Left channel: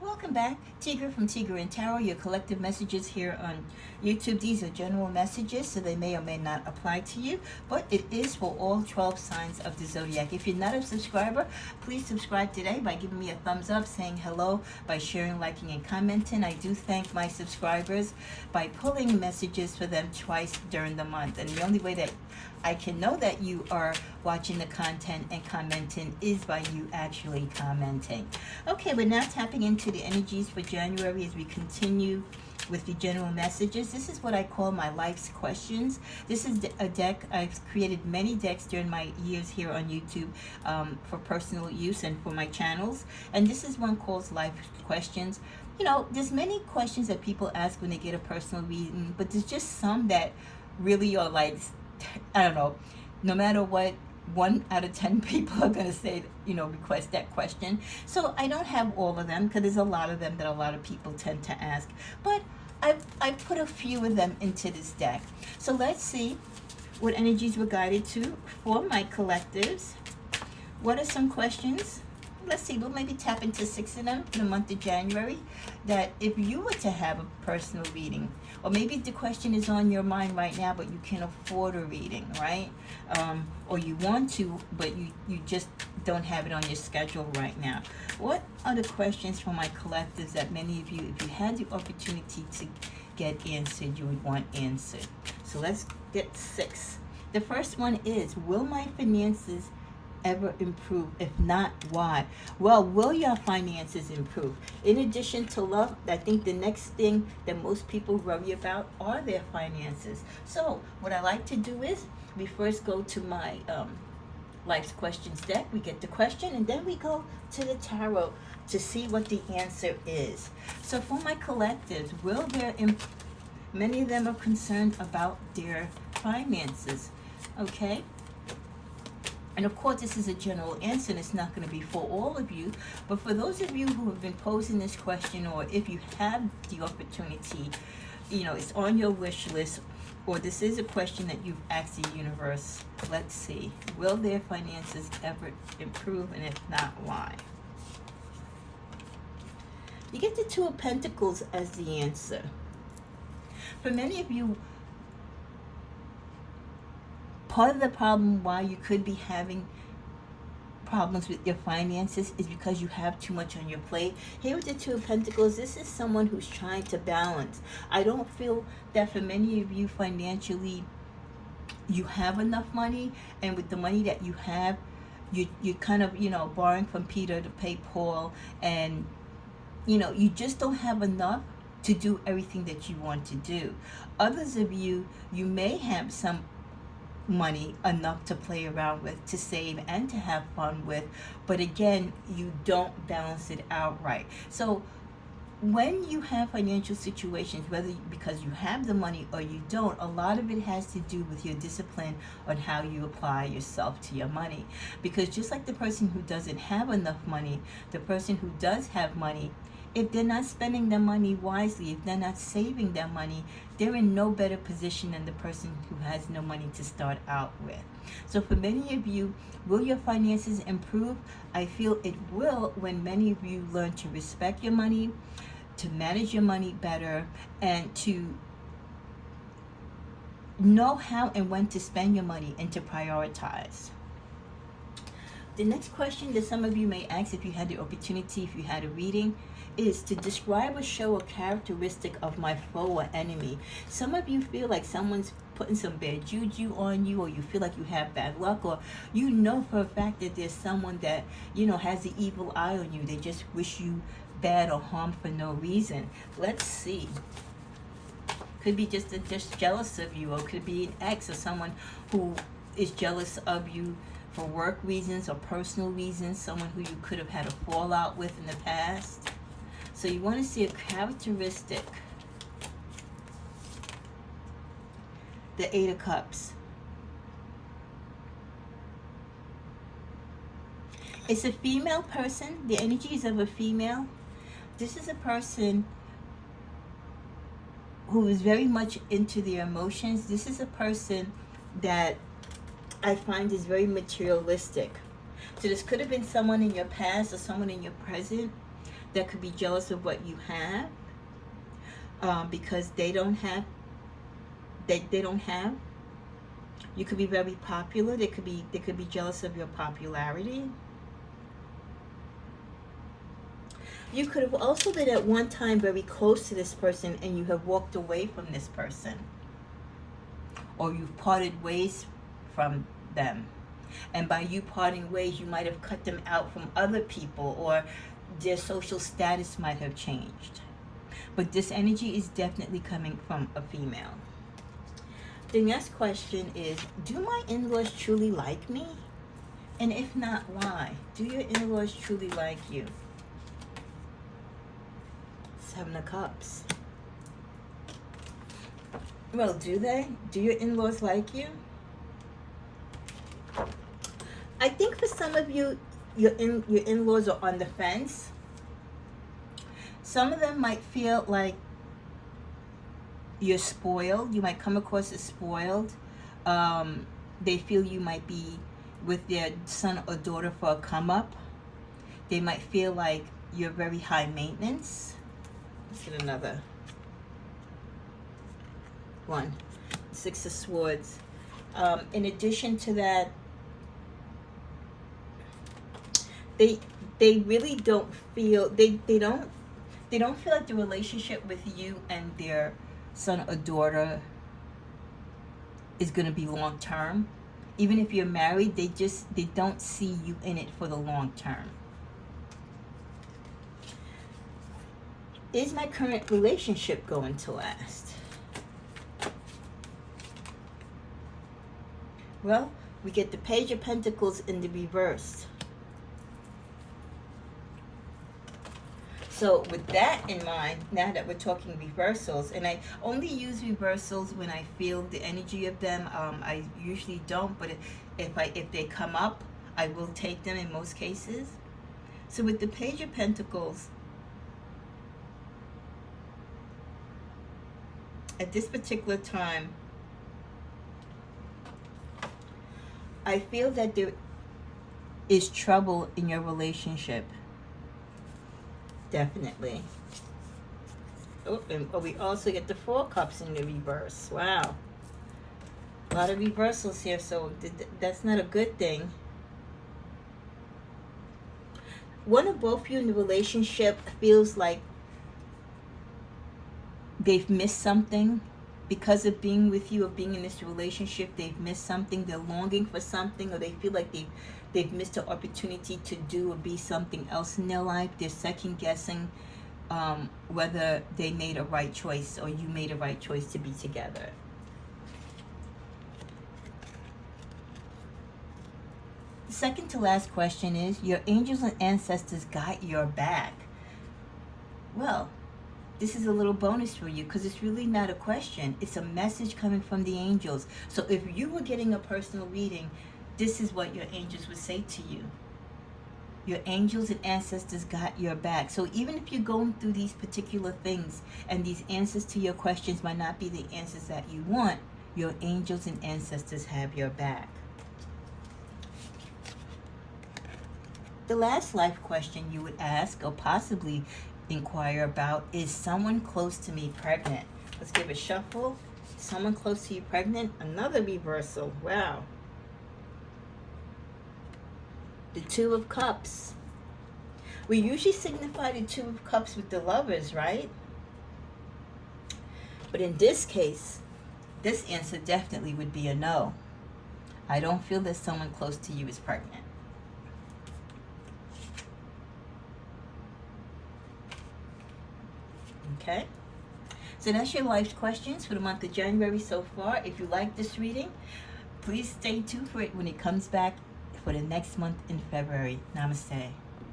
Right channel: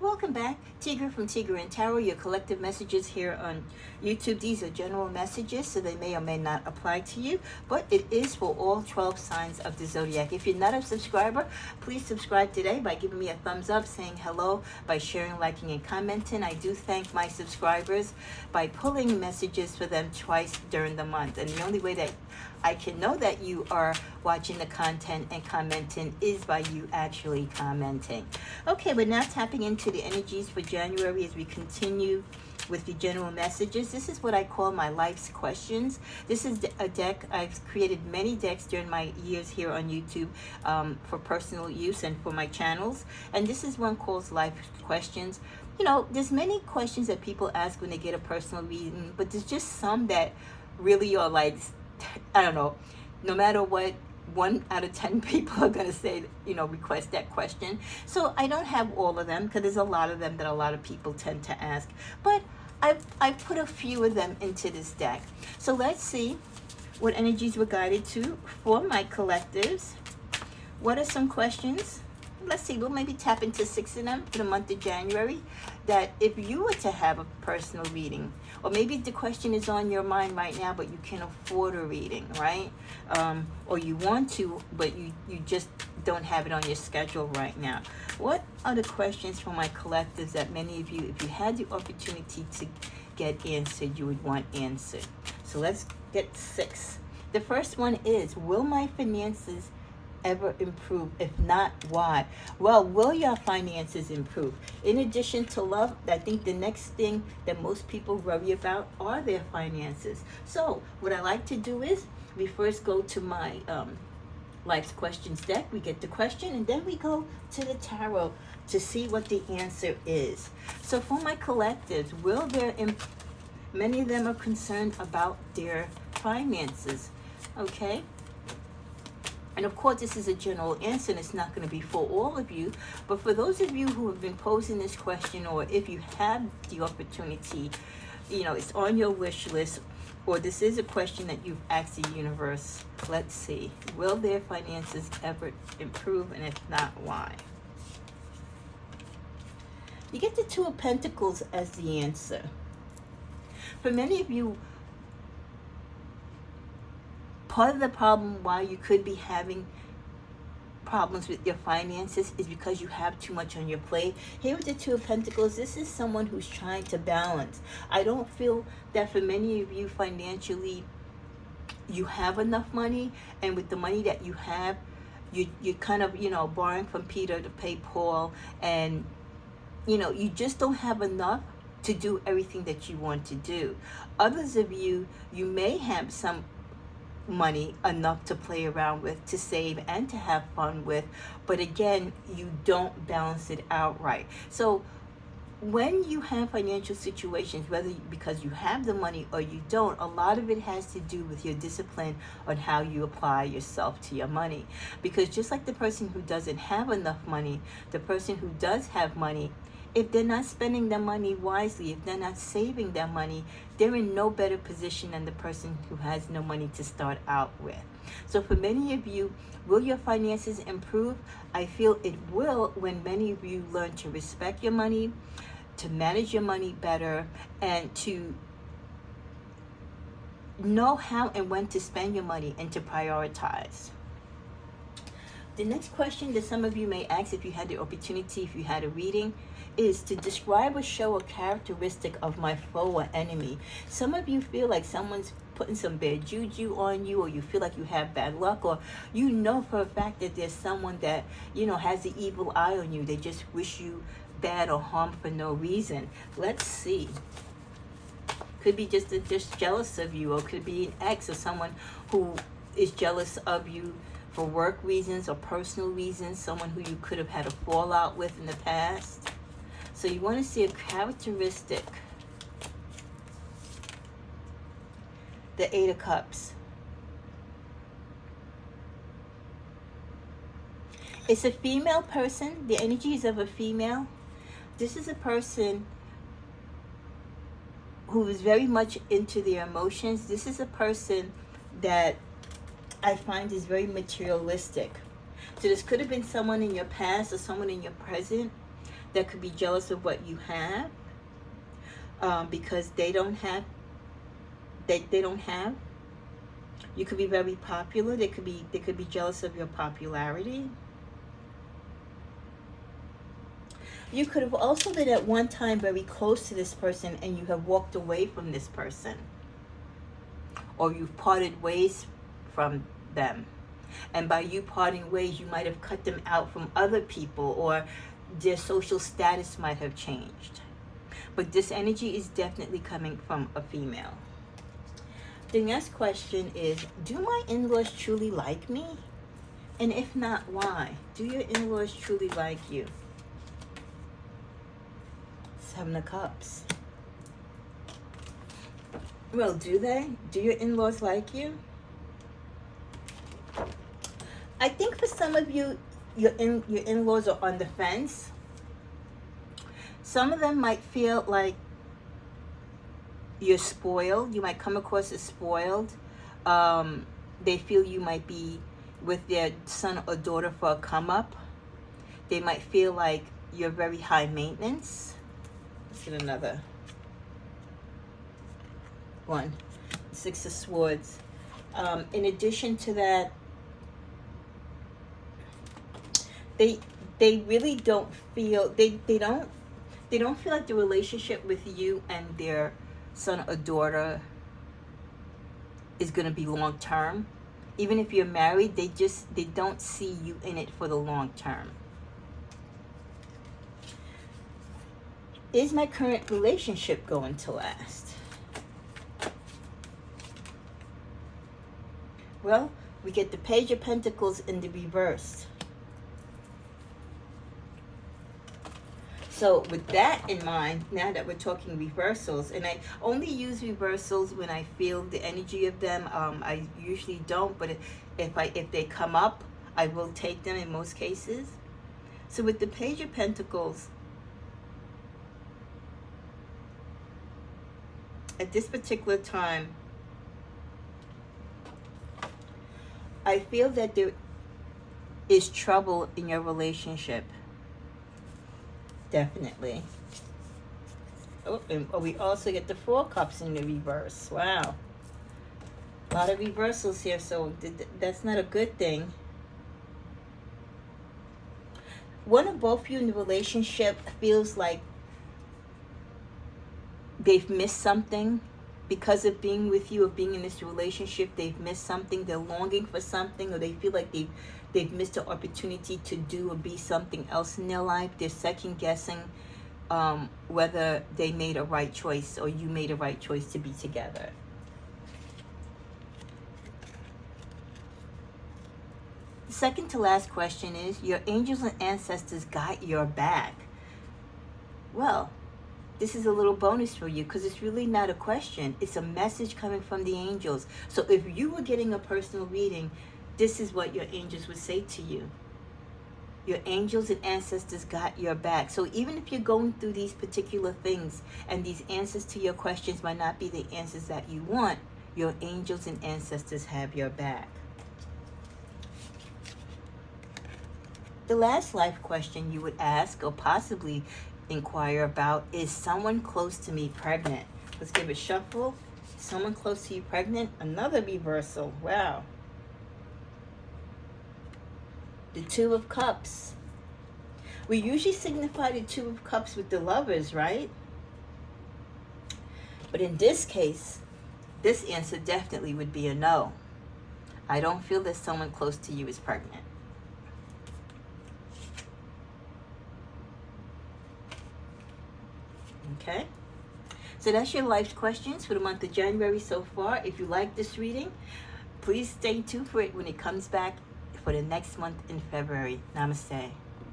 Welcome back, Tigger from Tigger and Tarot. Your collective messages here on YouTube. These are general messages, so they may or may not apply to you, but it is for all 12 signs of the zodiac. If you're not a subscriber, please subscribe today by giving me a thumbs up, saying hello, by sharing, liking, and commenting. I do thank my subscribers by pulling messages for them twice during the month, and the only way that I can know that you are watching the content and commenting is by you actually commenting. Okay, we're now tapping into the energies for January as we continue with the general messages. This is what I call my life's questions. This is a deck. I've created many decks during my years here on YouTube for personal use and for my channels. And this is one called Life Questions. You know, there's many questions that people ask when they get a personal reading, but there's just some that really are like, I don't know, no matter what, 1 out of 10 people are going to say, request that question. So I don't have all of them because there's a lot of them that a lot of people tend to ask. But I've put a few of them into this deck. So let's see what energies were guided to for my collectives. What are some questions? Let's see, we'll maybe tap into 6 of them for the month of January, that if you were to have a personal reading, or maybe the question is on your mind right now, but you can't afford a reading, right? Or you want to, but you just don't have it on your schedule right now. What are the questions for my collectives that many of you, if you had the opportunity to get answered, you would want answered? So let's get 6. The first one is, will my finances ever improve? If not, why? Well, will your finances improve? In addition to love, I think the next thing that most people worry about are their finances. So what I like to do is we first go to my life's questions deck. We get the question and then we go to the tarot to see what the answer is. So for my collectives, will there many of them are concerned about their finances. Okay, and of course, this is a general answer, and it's not going to be for all of you. But for those of you who have been posing this question, or if you have the opportunity, it's on your wish list, or this is a question that you've asked the universe. Let's see. Will their finances ever improve? And if not, why? You get the 2 of Pentacles as the answer. For many of you, part of the problem why you could be having problems with your finances is because you have too much on your plate. Here with the 2 of Pentacles, this is someone who's trying to balance. I don't feel that for many of you financially, you have enough money, and with the money that you have, you kind of, borrowing from Peter to pay Paul, and, you just don't have enough to do everything that you want to do. Others of you, you may have some money enough to play around with, to save and to have fun with, but again, you don't balance it out right. So when you have financial situations, whether because you have the money or you don't, a lot of it has to do with your discipline on how you apply yourself to your money. Because just like the person who doesn't have enough money, the person who does have money, if they're not spending their money wisely, if they're not saving their money, they're in no better position than the person who has no money to start out with. So for many of you, will your finances improve? I feel it will when many of you learn to respect your money, to manage your money better, and to know how and when to spend your money and to prioritize. The next question that some of you may ask if you had the opportunity, if you had a reading, is to describe or show a characteristic of my foe or enemy. Some of you feel like someone's putting some bad juju on you, or you feel like you have bad luck, or you know for a fact that there's someone that, has the evil eye on you. They just wish you bad or harm for no reason. Let's see. Could be just jealous of you, or could be an ex or someone who is jealous of you for work reasons or personal reasons, someone who you could have had a fallout with in the past. So you want to see a characteristic. The 8 of Cups. It's a female person. The energy is of a female. This is a person who is very much into their emotions. This is a person that I find is very materialistic. So this could have been someone in your past or someone in your present that could be jealous of what you have, because they don't have. They don't have. You could be very popular. They could be jealous of your popularity. You could have also been at one time very close to this person and you have walked away from this person. Or you've parted ways from them. And by you parting ways, you might have cut them out from other people, or their social status might have changed. But this energy is definitely coming from a female. The next question is, do my in-laws truly like me? And if not, why? Do your in-laws truly like you? Seven of Cups. Well, do they? Do your in-laws like you? I think for some of you, your in-laws are on the fence. Some of them might feel like you're spoiled. You might come across as spoiled. They feel you might be with their son or daughter for a come-up. They might feel like you're very high maintenance. Let's get another one. Six of Swords. In addition to that, they really don't feel they don't feel like the relationship with you and their son or daughter is going to be long term. Even if you're married, they don't see you in it for the long term. Is my current relationship going to last? Well, we get the Page of Pentacles in the reverse. So with that in mind, now that we're talking reversals, and I only use reversals when I feel the energy of them. I usually don't, but if they come up, I will take them in most cases. So with the Page of Pentacles, at this particular time, I feel that there is trouble in your relationship. Definitely. Oh, and we also get the Four Cups in the reverse. Wow. A lot of reversals here, so that's not a good thing. One of both of you in the relationship feels like they've missed something because of being with you or being in this relationship. They've missed something. They're longing for something, or they feel like they've missed an opportunity to do or be something else in their life. They're second guessing whether they made a right choice or you made a right choice to be together. The second to last question is, your angels and ancestors got your back. Well, this is a little bonus for you because it's really not a question. It's a message coming from the angels. So if you were getting a personal reading, this is what your angels would say to you. Your angels and ancestors got your back. So even if you're going through these particular things and these answers to your questions might not be the answers that you want, your angels and ancestors have your back. The last life question you would ask or possibly inquire about is, someone close to me pregnant? Let's give it a shuffle. Someone close to you pregnant? Another reversal. Wow. The Two of Cups. We usually signify the Two of Cups with the Lovers, right? But in this case, this answer definitely would be a no. I don't feel that someone close to you is pregnant. Okay, so that's your life questions for the month of January so far. If you like this reading, please stay tuned for it when it comes back for the next month in February. Namaste.